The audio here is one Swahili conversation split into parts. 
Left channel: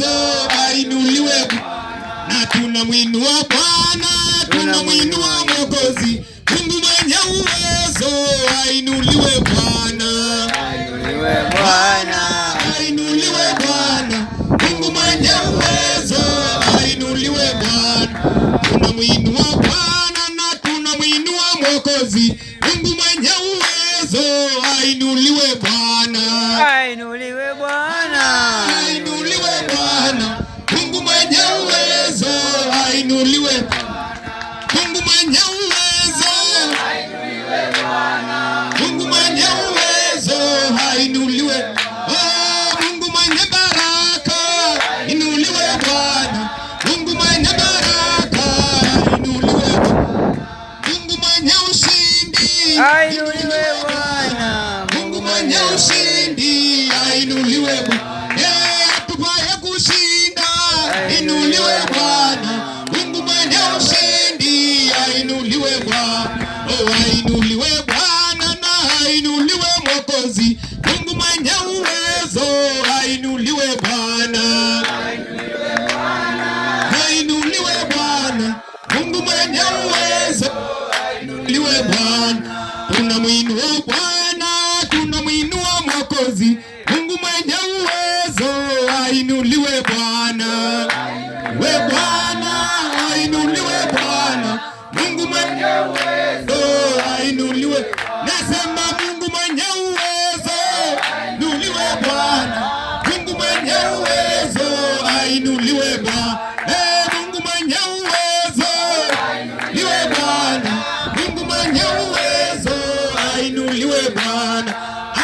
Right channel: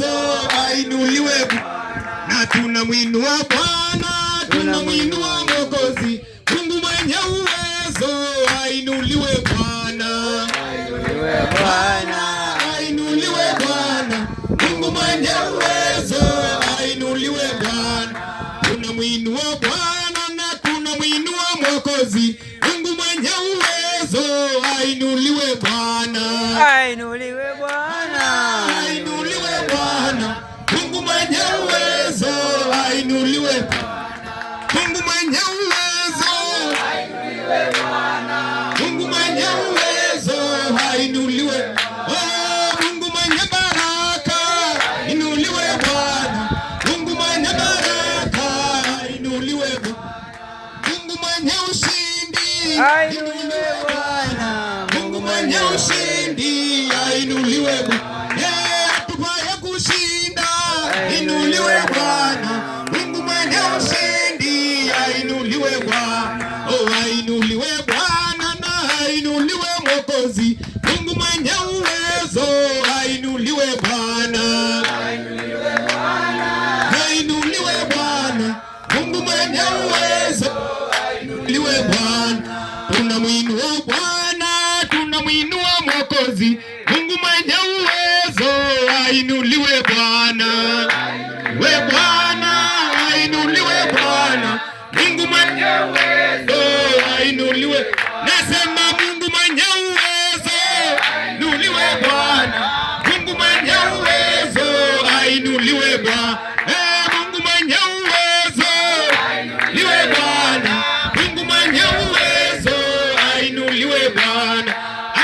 uwezo, ainuliwe na tunamwinua Bwana, tunamwinua Mwokozi, Mungu mwenye uwezo, ainuliwe Bwana, ainuliwe Bwana, ainuliwe Bwana, Mungu mwenye uwezo, ainuliwe Bwana, tunamwinua Bwana na tunamwinua Mwokozi, Mungu mwenye uwezo, ainuliwe Bwana, ainuliwe Bwana, ainuliwe Bwana, Mungu mwenye uwezo, ainuliwe Mungu mwenye uwezo, ainuliwe Bwana, Mungu mwenye uwezo, ainuliwe. Oh, Mungu mwenye baraka, inuliwe Bwana, Mungu mwenye baraka, inuliwe. Mungu mwenye ushindi, ainuliwe Bwana, Mungu mwenye ushindi, ainuliwe. Atupaye kushinda, inuliwe Bwana, Mungu mwenye ushindi, ainuliwe Bwana. Oh, ainuliwe Bwana na ainuliwe Mwokozi, Mungu mwenye uwezo, ainuliwe Bwana, ainuliwe Bwana, Mungu mwenye uwezo, ainuliwe Bwana, tunamwinua Bwana, tunamwinua Mwokozi, Mungu mwenye uwezo, ainuliwe Bwana, we Bwana, ainuliwe Bwana, Mungu mwenye uwezo, ainuliwe. Nasema Mungu mwenye uwezo, ainuliwe Bwana, Mungu mwenye uwezo, ainuliwe Bwana. Mungu mwenye uwezo, ainuliwe Bwana, Mungu mwenye uwezo, ainuliwe Bwana.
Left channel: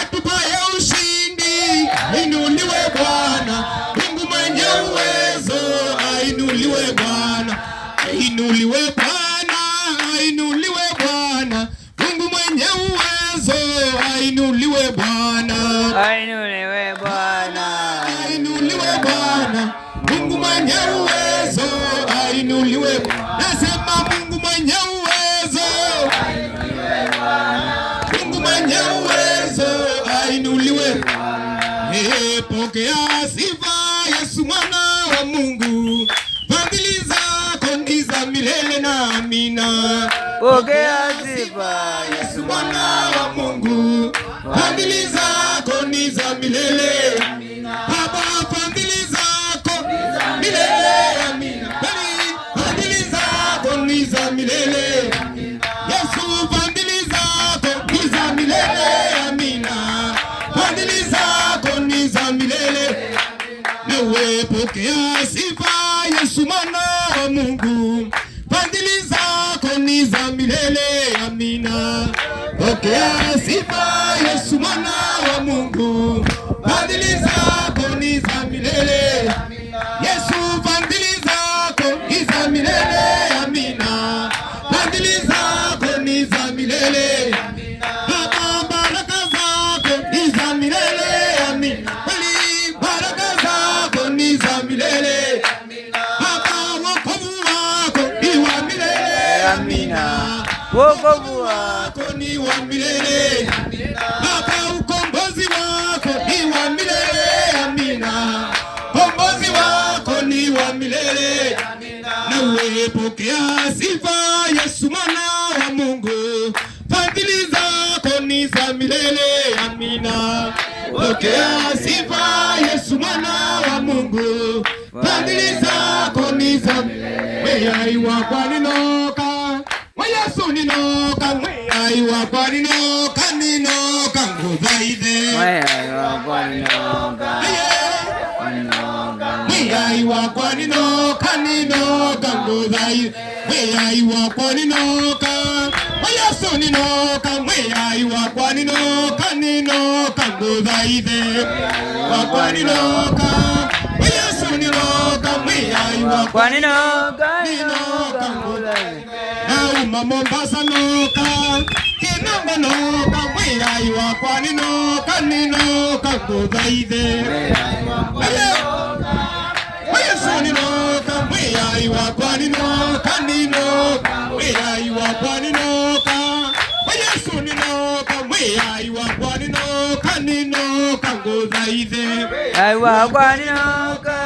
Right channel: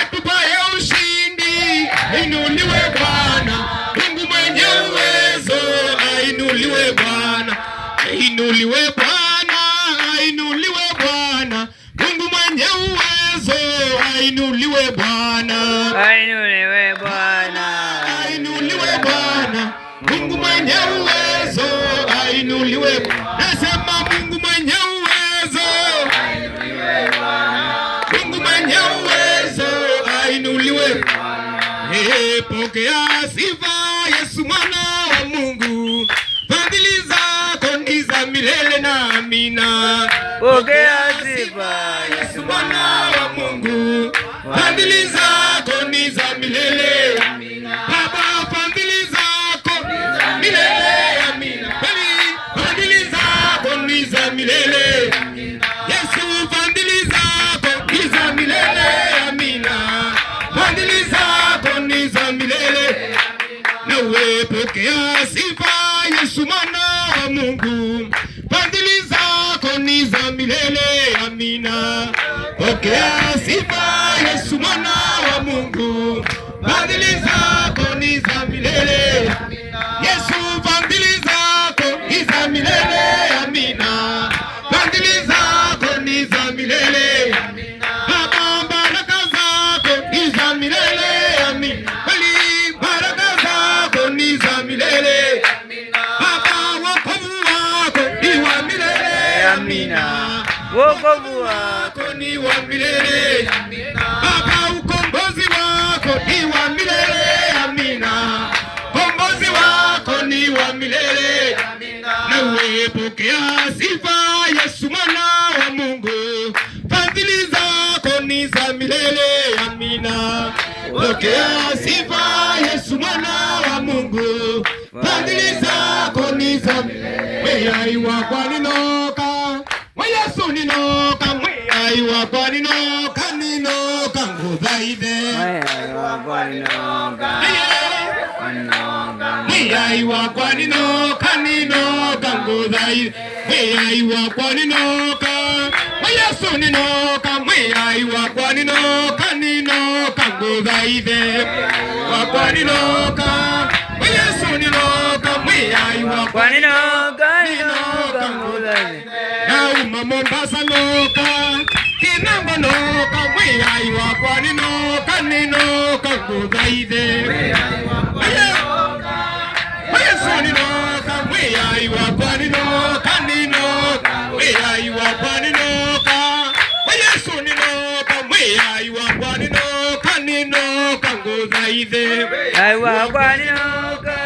Atupaye ushindi, ainuliwe Bwana, Mungu mwenye uwezo, ainuliwe Bwana, ainuliwe Bwana, ainuliwe Bwana, Mungu mwenye uwezo, ainuliwe Bwana, ainuliwe Bwana, ainuliwe Bwana, Mungu mwenye uwezo, ainuliwe. Nasema Mungu mwenye uwezo, ainuliwe Bwana, Mungu mwenye uwezo, ainuliwe. Pokea sifa Yesu mwana wa Mungu, fadhili zako ni za milele na amina. pokea sifa Yesu mwana wa Mungu, fadhili zako ni za milele. Baba, fadhili zako ni za milele, amina. Fadhili zako ni za milele. Yesu, fadhili zako ni za milele, amina. Fadhili zako ni za milele. Nawe pokea sifa Yesu mwana wa Mungu, fadhili zako ni za milele, amina. Pokea sifa Yesu mwana wa Mungu, fadhili zako ni za milele. Yesu, fadhili zako ni za milele, amina. Fadhili zako ni za milele. Baba, baraka zako ni za milele, amina. Kweli baraka zako ni za milele. Baba, wokovu wako ni wa milele, amina. wokovu wako Ni wa milele. Baba, ukombozi wako ni wa milele, amina. Ukombozi wako ni wa milele. Nawe pokea sifa Yesu mwana wa Mungu, fadhili zako ni za milele, amina. Pokea sifa Yesu mwana wa Mungu, fadhili zako ni za milele. Wewe kwa ninoka, Yesu ninoka, wewe kwa ninoka, ninoka nguzaide. wewe kwa ninoka, Wewe kwa ninoka, ninoka nguzaide. Wewe kwa ninoka, Yesu ninoka, wewe kwa ninoka, ninoka nguzaide. Wewe kwa ninoka, Yesu ninoka, wewe kwa ninoka, ninoka nguzaide. Nauma Mombasa noka, Kinango noka, mwiyai wakwa ninoka, ninoka nguzaide. Yesu ninoka, mwiyai wakwa ninoka, ninoka, mwiyai wakwa ninoka. Yesu ninoka, mwiyai wakwa ninoka, ninoka nguzaide. Mwiyai wakwa ninoka.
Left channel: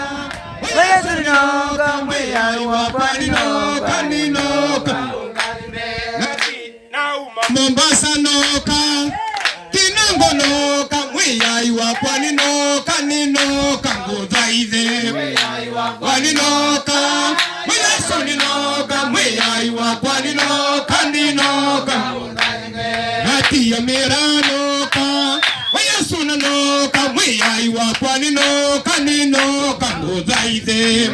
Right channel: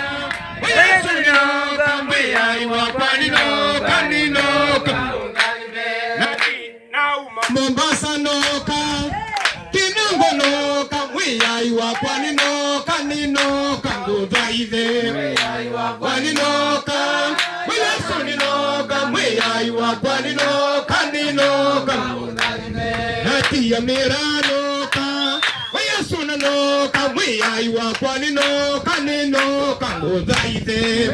kaninoka ninoka Mombasa noka Kinango noka Mwiyai wakwa ninoka ninoka Ngudhaithe waninoka Mwileso ninoka Mwiyai wakwa ninoka ninoka Natia miranoka Mwiyesu nanoka Mwiyai wakwa ninoka ninoka Ngudhaithe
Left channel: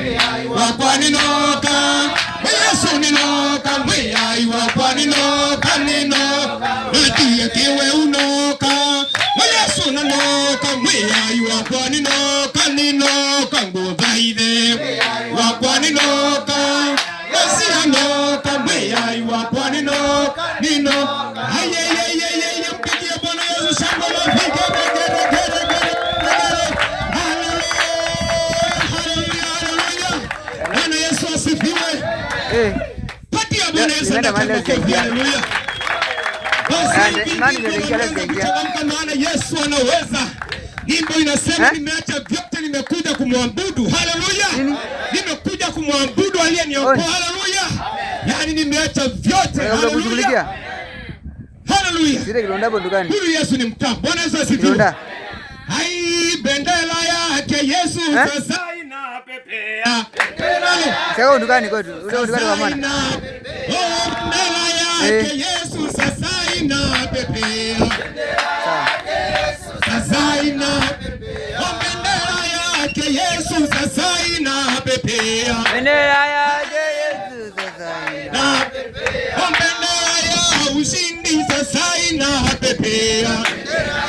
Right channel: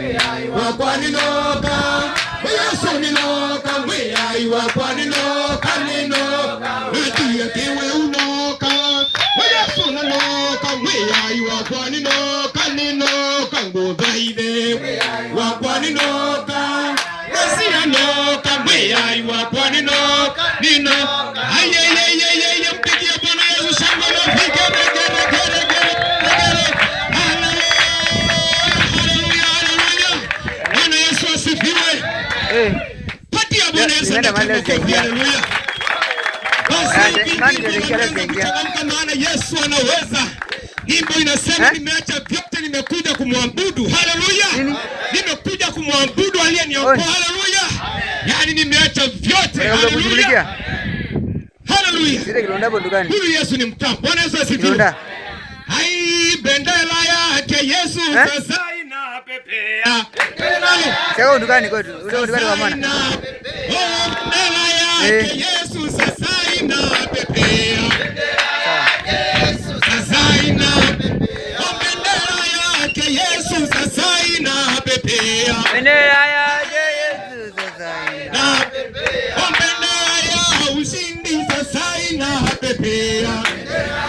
wakwa ninoka Mwiyesu ninoka Mwiyai wakwa ninoka ninoka Natia kiwe unoka Mwiyesu nanoka Mwiyai wakwa ninoka ninoka Ngudhaithe wakwa ninoka Mwiyesu nanoka Mwiyai wakwa ninoka ninoka Ayayayayay mpigia Bwana Yesu shangwe na piga gere Haleluya haleluya Bwana Yesu asifiwe. Patia Bwana Yesu haleluya. Maana Yesu anaweza. Nyimbo inasema nimeacha vyote nimekuja kumwabudu. Haleluya. Nimekuja kumwabudu aliyeniokoa. Haleluya. Yaani nimeacha vyote. Haleluya. Haleluya. Sile kilonda bondukani. Huyu Yesu ni mtamu. Bwana Yesu asifiwe. Kilonda. Hai bendera yake Yesu sasa inapepea. Kaka bondukani kwetu. Ule bondukani kwa maana. Bendera yake Yesu sasa inapepea. Sasa inapepea. Bendera yake Yesu sasa inapepea. Bendera yake Yesu sasa inapepea. Bendera ya ushindi sasa inapepea.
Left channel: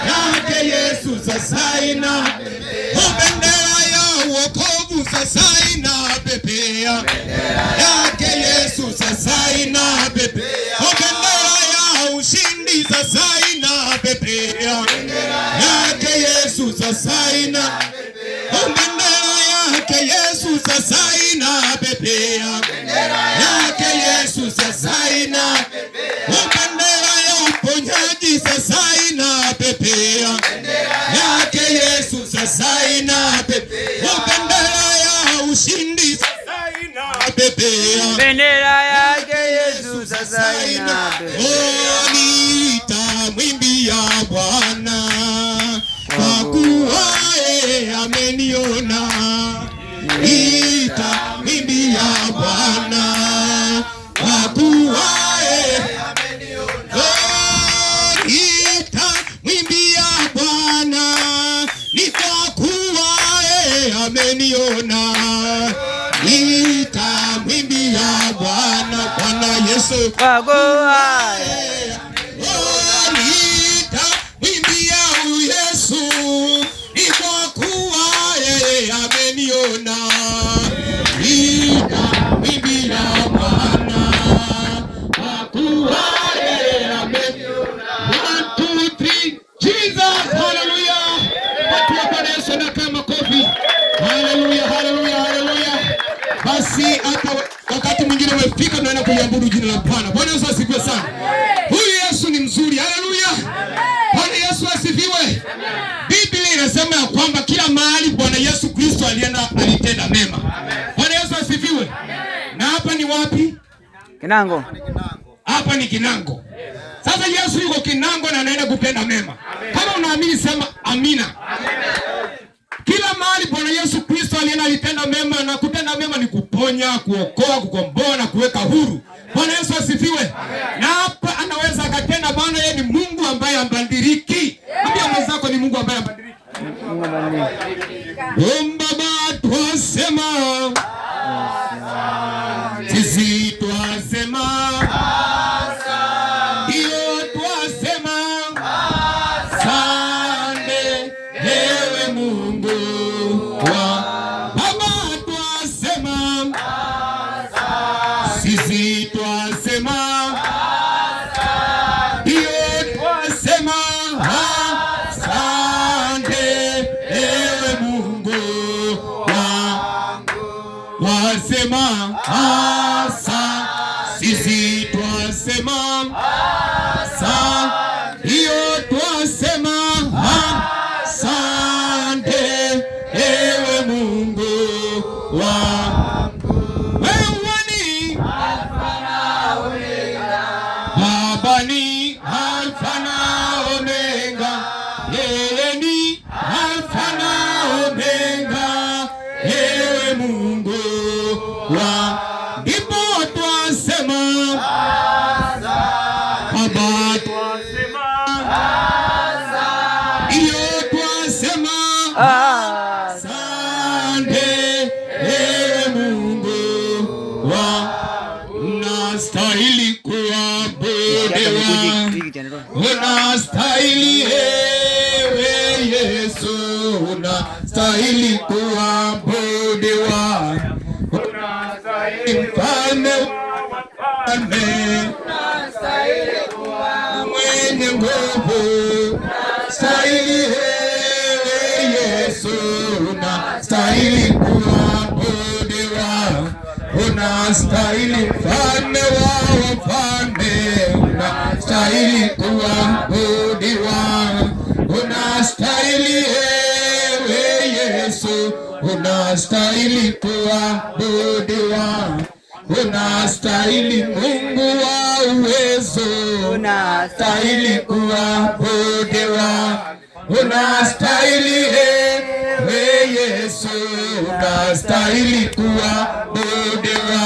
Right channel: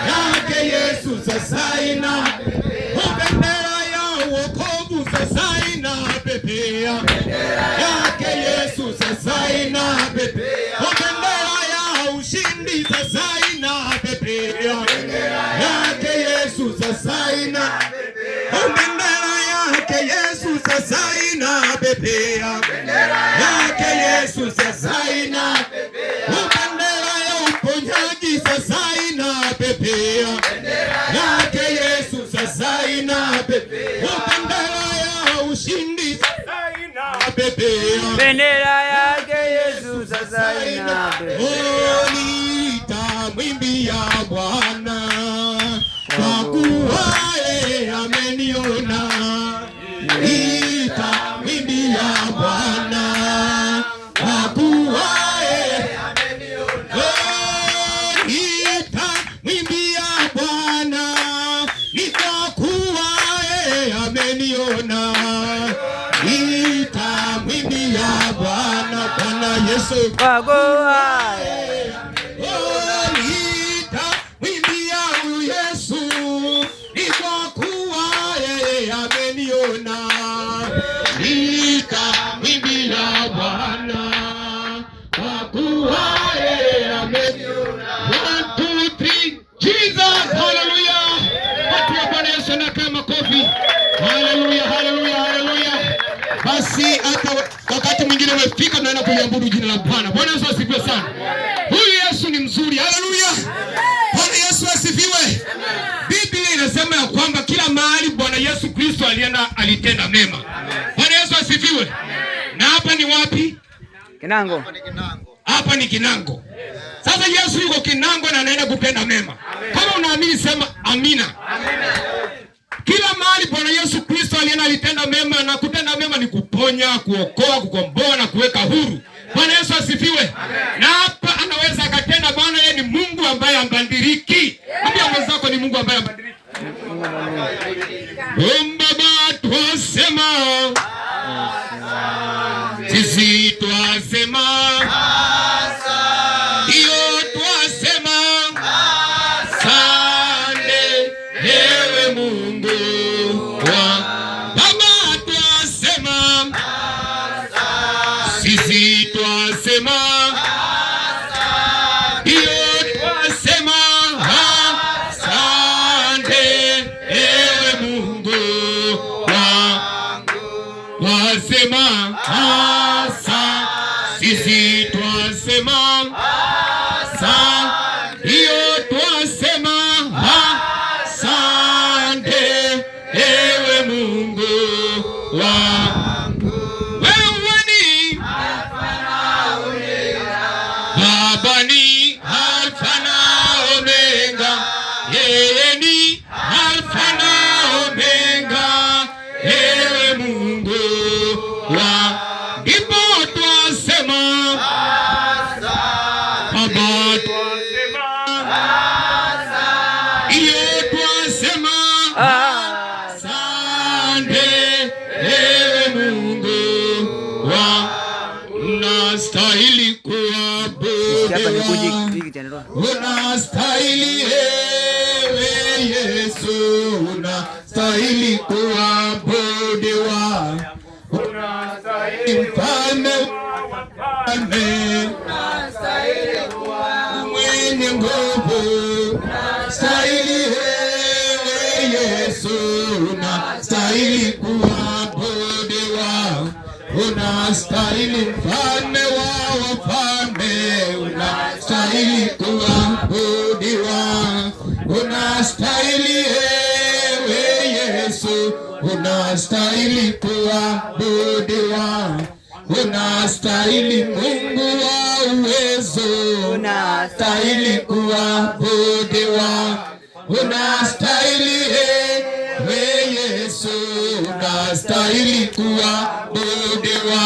Yake Yesu sasa inapepea. Bendera ya wokovu sasa inapepea. Yake Yesu sasa inapepea. Bendera ya ushindi sasa inapepea. Yake Yesu sasa inapepea. Bendera yake Yesu sasa inapepea. Yake Yesu sasa inapepea. Bendera ya uponyaji sasa inapepea. Yake Yesu sasa inapepea. Bendera ya ushindi sasa inapepea. Bendera yake Yesu sasa inapepea. Nitamwimbia Bwana kwa kuwa yeye ameniona. Nitamwimbia Bwana kwa kuwa yeye ameniona. Nitamwimbia Bwana ni kwa kuwa yeye ameniona. Nitamwimbia Bwana Bwana Yesu kwa kuwa nitamwimbia Yesu ni kwa kuwa yeye ameniona. Nitamwimbia Bwana kwa kuwa yeye ameniona. 1, 2, 3 Jesus haleluya. Watu wa Bwana Yesu na kama kofi. Haleluya haleluya haleluya. Basi hata wakati mwingine umefika tunaenda kuliabudu jina la Bwana. Bwana Yesu asifiwe sana. Huyu Yesu ni mzuri. Haleluya. Bwana Yesu asifiwe. Biblia inasema ya kwamba kila mahali Bwana Yesu Kristo alienda alitenda mema. Bwana Yesu asifiwe. Na hapa ni wapi? Kinango. Hapa ni Kinango. Sasa Yesu yuko Kinango na anaenda kutenda mema. Kama unaamini sema amina. Kila mahali Bwana Yesu Kristo alienda alitenda mema, na kutenda mema ni kuponya, kuokoa, kukomboa na kuweka huru. Bwana Yesu asifiwe. Na hapa anaweza akatenda, maana yeye ni Mungu ambaye ambadiliki. Ambia mwenzako ni Mungu ambaye ambadiliki. Baba twasema, sisi twasema, ndio twasema, asante ewe Mungu. Baba twasema, sisi twasema, ndio twasema, asante ewe Mungu wasema, asa sisi twasema, asa hiyo twasema, asante ewe Mungu wangu. Wewe ni mfalme mwenye nguvu, stahili Yesu, unastahili kuabudiwa, unastahili mfalme wa wafalme, unastahili kuabudiwa, unastahili Yesu, unastahili kuabudiwa, unastahili Mungu wa uwezo, unastahili kuabudiwa, unastahili Yesu, unastahili kuabudiwa,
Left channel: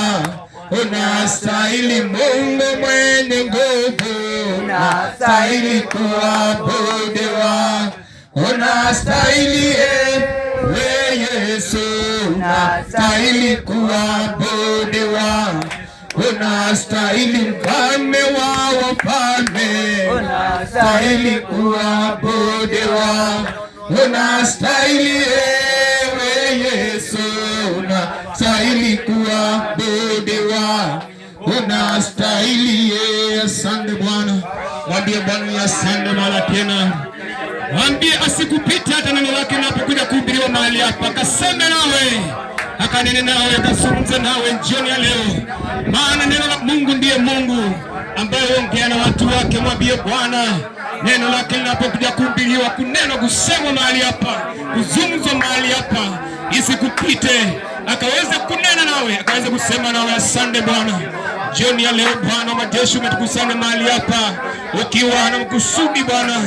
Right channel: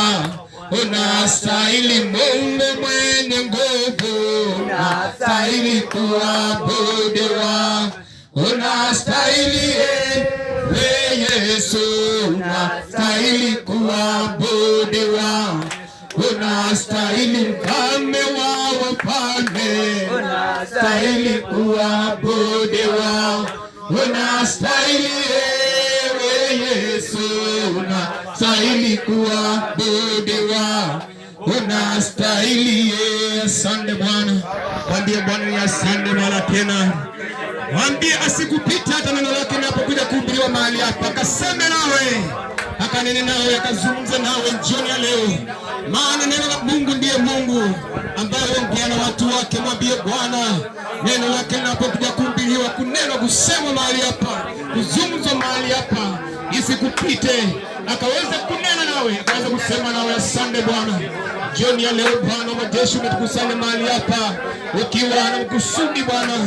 unastahili Mungu mwenye nguvu, unastahili kuabudiwa, unastahili Yesu, unastahili kuabudiwa, unastahili mfalme wa wafalme, unastahili kuabudiwa, unastahili Yesu, unastahili kuabudiwa, unastahili. Asante Bwana, mwambie Bwana asante mara tena. Mwambie asikupite hata neno lake linapokuja kuhubiriwa mahali hapa, akaseme nawe, akanene nawe, akazungumze nawe jioni ya leo, maana neno la Mungu ndiye Mungu ambaye ongea na watu wake. Mwambie Bwana, neno lake linapokuja kuhubiriwa, kuneno kusemwa mahali hapa, kuzungumzwa mahali hapa, isikupite, akaweze kunena nawe, akaweze kusema nawe. Asante Bwana, jioni ya leo Bwana wa majeshi umetukusanya mahali hapa ukiwa na mkusudi Bwana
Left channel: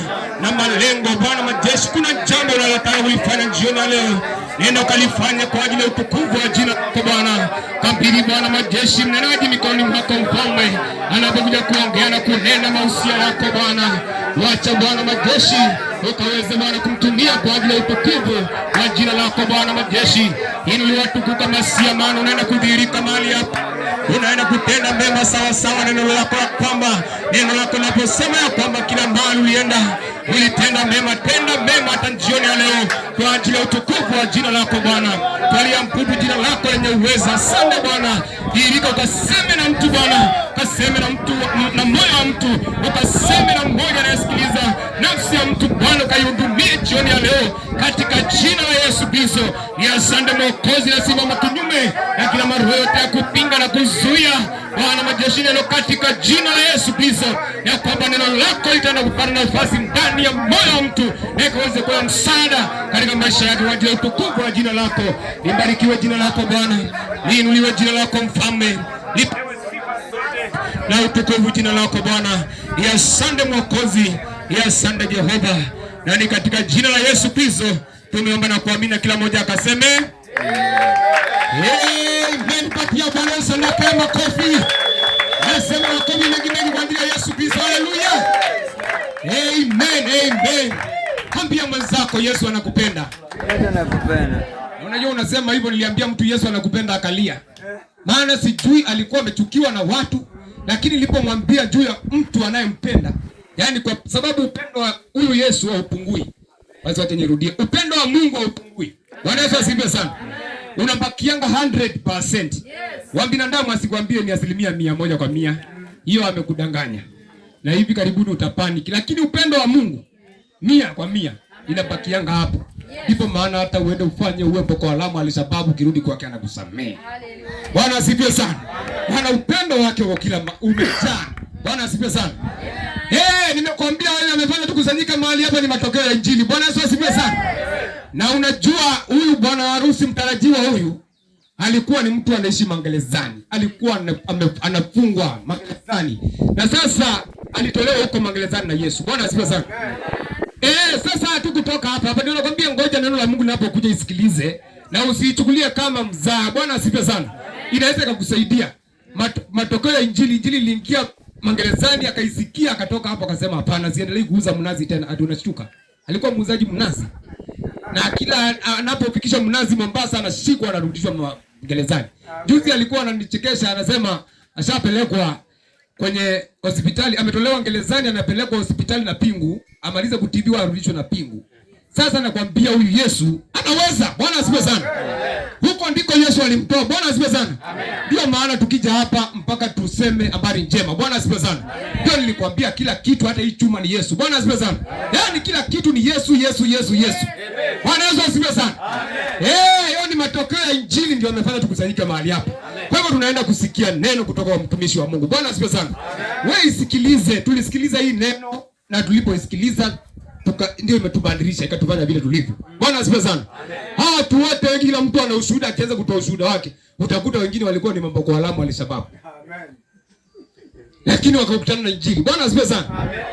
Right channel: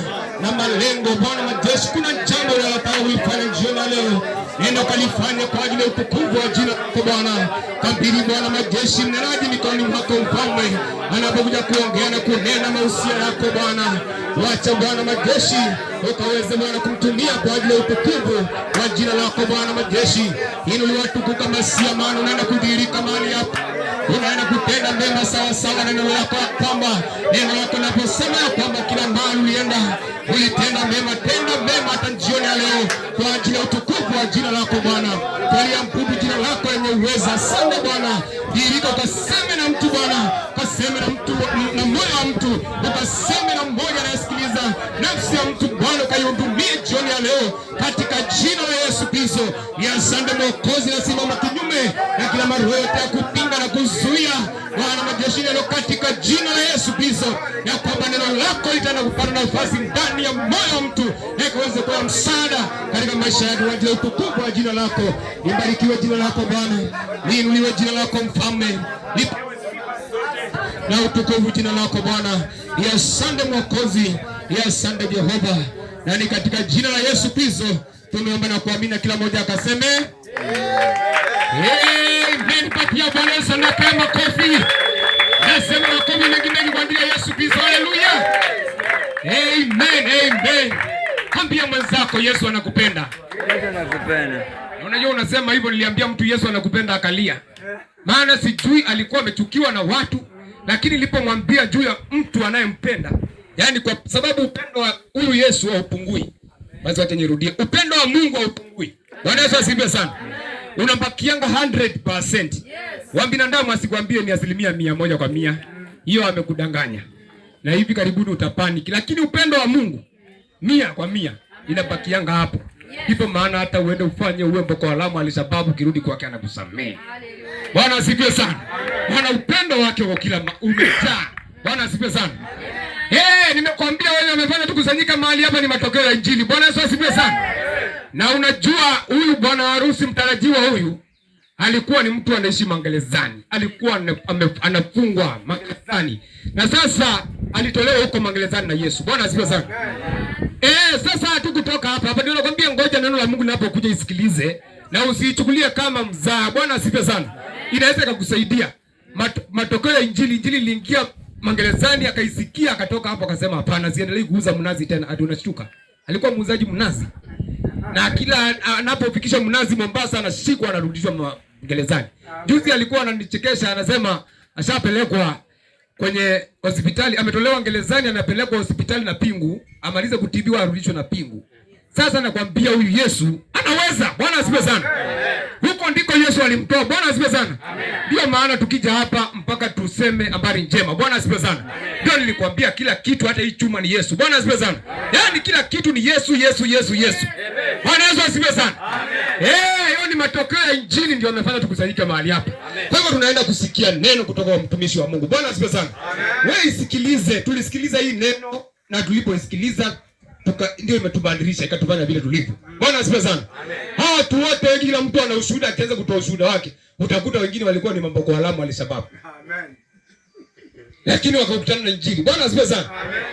na malengo. Bwana majeshi, kuna jambo unalotaka kulifanya jioni ya leo, nenda kalifanya kwa ajili ya utukufu wa jina lako Bwana. Kabili Bwana majeshi mnenaji mikononi mwako mfalme, anapokuja kuongea na kunena mahusia yako Bwana. Wacha Bwana majeshi ukaweze Bwana kumtumia kwa ajili ya utukufu wa jina lako Bwana majeshi. Ili uliwatukuka masia, maana unaenda kudhihirika mahali hapa, unaenda kutenda mema sawa sawa na neno lako, kwamba neno lako linaposema ya kwamba kila mahali ulienda ulitenda mema. Tenda mema hata jioni ya leo kwa ajili ya utukufu wa jina lako Bwana. Twaliambudu jina lako lenye uweza. Asante Bwana, dhihirika ukaseme na mtu Bwana, ukaseme na mtu na moyo wa mtu, ukaseme na mmoja anayesikiliza nafsi ya mtu Bwana, ukaihudumie jioni ya leo katika jina la Yesu Kristo. Ni asante Mwokozi, nasimama kinyume na kila maroho yote ya kupinga na kuzuia Bwana majeshi leo katika jina la Yesu Kristo, ya kwamba neno lako litaenda kupata nafasi ndani ya moyo wa mtu, ikaweze kuwa msaada katika maisha yake kwa ajili ya utukufu wa jina lako. Libarikiwe jina lako Bwana, liinuliwe jina lako Mfalme, lipewe sifa zote na utukufu jina lako Bwana. Asante Mwokozi, asante Jehova, na ni katika jina la Yesu Kristo tumeomba na kuamini, kila mmoja akaseme amen. Patia Bwana Yesu na kama kofi. Nasema makofi mengi kwa ajili ya Yesu Kristo. Haleluya. Amen, amen. Ambia mwenzako Yesu anakupenda. Yesu anakupenda. Unajua unasema hivyo, niliambia mtu Yesu anakupenda akalia. Maana sijui alikuwa amechukiwa na watu, lakini nilipomwambia juu ya mtu anayempenda, yani kwa sababu upendo wa huyu Yesu haupungui. Basi hata nirudie, upendo wa Mungu haupungui. Bwana Yesu asifiwe sana. Unabakianga 100%. Wa binadamu asikwambie ni 100% kwa 100. Hiyo amekudanganya. Na hivi karibuni utapanic. Lakini upendo wa Mungu 100% inabakianga hapo. Ndipo maana hata uende ufanye uwe Boko Haram alisababu kirudi kwake anakusamehe. Bwana asifiwe sana. Bwana upendo wake kwa kila umejaa. Bwana asifiwe sana. Nimekwambia wewe umefanya tukusanyika mahali hapa ni matokeo ya Injili. Bwana Yesu asifiwe sana. Na unajua huyu bwana harusi mtarajiwa huyu alikuwa ni mtu anaishi magerezani. Alikuwa anafungwa magerezani. Na sasa alitolewa huko magerezani na Yesu. Bwana asifiwe sana. Sasa hatukutoka hapa. Hapa ndio nakwambia, ngoja neno la Mungu linapokuja isikilize na usiichukulie kama mzaa. Bwana asifiwe sana. Inaweza kukusaidia. Matokeo ya Injili iliingia magerezani, akaisikia, akatoka hapo akasema hapana, siendelee kuuza mnazi tena. Atunashtuka. Alikuwa muuzaji mnazi. Na kila anapofikisha mnazi Mombasa anashikwa, anarudishwa gerezani. Juzi alikuwa ananichekesha, anasema ashapelekwa kwenye hospitali, ametolewa gerezani, anapelekwa hospitali na pingu, amalize kutibiwa arudishwe na pingu. Sasa nakwambia huyu Yesu anaweza. Bwana asifiwe sana. Huko ndiko Yesu Yesu alimtoa. Bwana asifiwe sana. Ndio maana tukija hapa mpaka tuseme habari njema. Bwana asifiwe sana. Ndio nilikwambia kila kitu, hata hii chuma ni Yesu. Bwana asifiwe sana. Yaani kila kitu ni Yesu, Yesu, Yesu, Yesu. Bwana Yesu asifiwe sana. Hiyo ni matokeo ya Injili ndio yamefanya tukusanyike mahali hapa. Kwa hivyo tunaenda kusikia neno kutoka kwa mtumishi wa Mungu. Bwana asifiwe sana. Wewe isikilize. Tulisikiliza hii neno na tulipoisikiliza ndio imetubadilisha ikatufanya vile tulivyo. Bwana asifiwe sana. Hawa watu wote, kila mtu ana ushuhuda, akianza kutoa ushuhuda wake, utakuta wengine walikuwa ni Boko Haram walisababu. Amen. Lakini wakakutana na Injili. Bwana asifiwe sana.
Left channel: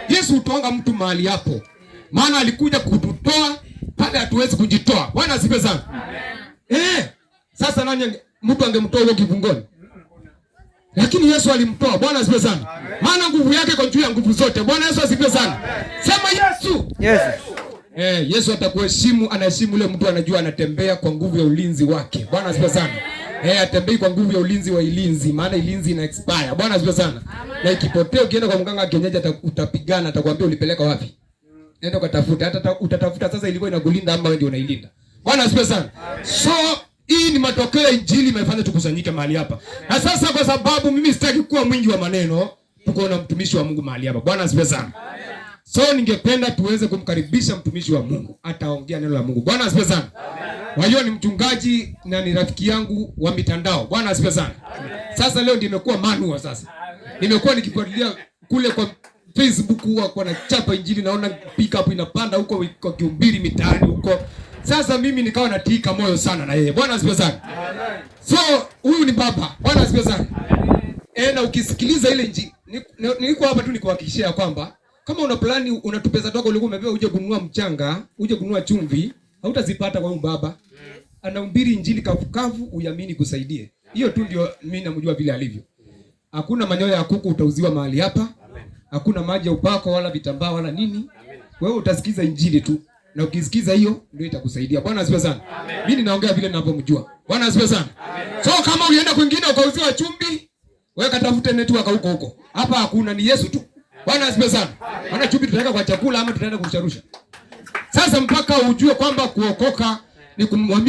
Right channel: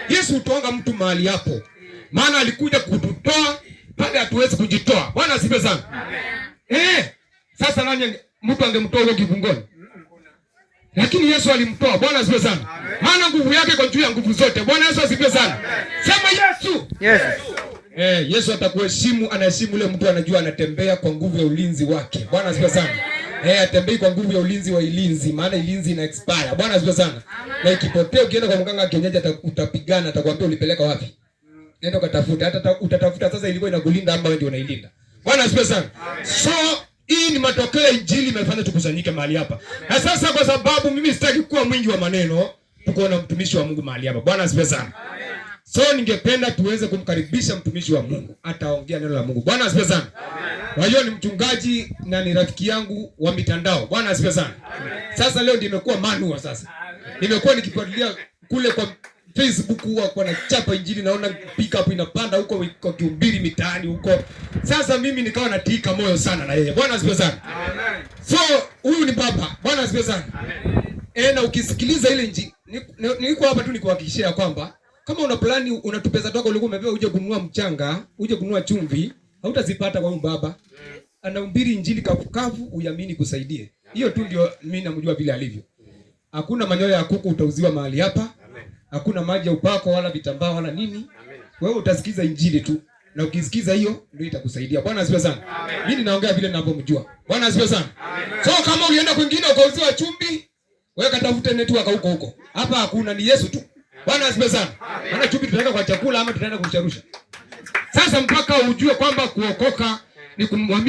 Yesu hutoanga mtu mahali hapo. Maana alikuja kututoa pale hatuwezi kujitoa. Bwana asifiwe sana. Amen. Sasa nani mtu angemtoa huko kifungoni? Lakini Yesu alimtoa. Bwana asifiwe sana. Maana nguvu yake iko juu ya nguvu zote. Bwana Yesu asifiwe sana. Sema Yesu. Yesu. Yesu atakuheshimu, anaheshimu yule mtu anajua anatembea kwa nguvu ya ulinzi wake. Bwana asifiwe sana. Atembei kwa nguvu ya ulinzi wa ilinzi, maana ilinzi ina expire. Bwana asifiwe sana. Na ikipotea ukienda kwa mganga kienyeji utapigana, atakwambia ulipeleka wapi? Nenda ukatafuta. Hata utatafuta sasa ilikuwa inakulinda ama wewe ndio unailinda. Bwana asifiwe sana. So hii ni matokeo ya Injili imefanya tukusanyike mahali hapa. Na sasa kwa sababu mimi sitaki kuwa mwingi wa maneno, tuko na mtumishi wa Mungu mahali hapa. Bwana asifiwe sana. So ningependa tuweze kumkaribisha mtumishi wa Mungu, ataongea neno la Mungu. Bwana asifiwe sana. Kwa hiyo ni mchungaji na ni rafiki yangu wa mitandao. Bwana asifiwe sana. Sasa leo ndio imekuwa manua sasa. Nimekuwa nikifuatilia kule kwa Facebook huwa kwa nachapa Injili, naona pick up inapanda huko kwa kihubiri mitaani huko. Sasa mimi nikawa natika moyo sana na yeye. Bwana asifiwe sana. So huyu ni baba. Bwana asifiwe sana. Na ukisikiliza ile Injili, niko hapa tu nikuhakikishia kwamba kama una plani una pesa zako ulikuwa umepewa uje kununua mchanga, uje kununua chumvi, hautazipata kwa huyu baba. Anahubiri Injili kavukavu, uamini kusaidie. Hiyo tu ndio mimi namjua vile alivyo. Hakuna manyoya ya kuku utauziwa mahali hapa. Hakuna maji ya upako wala vitambaa wala nini. Wewe utasikiza Injili tu. Na ukisikiza hiyo ndio itakusaidia. Bwana asifiwe sana. Mimi naongea vile ninavyomjua. Bwana asifiwe sana. So kama ulienda kwingine ukauziwa chumvi, wewe katafute network huko. Hapa hakuna, ni Yesu tu. Bwana asifiwe sana. Maana chumvi tutaweka kwa chakula ama tutaenda kurusharusha. Sasa mpaka ujue kwamba kuokoka ni kumwamini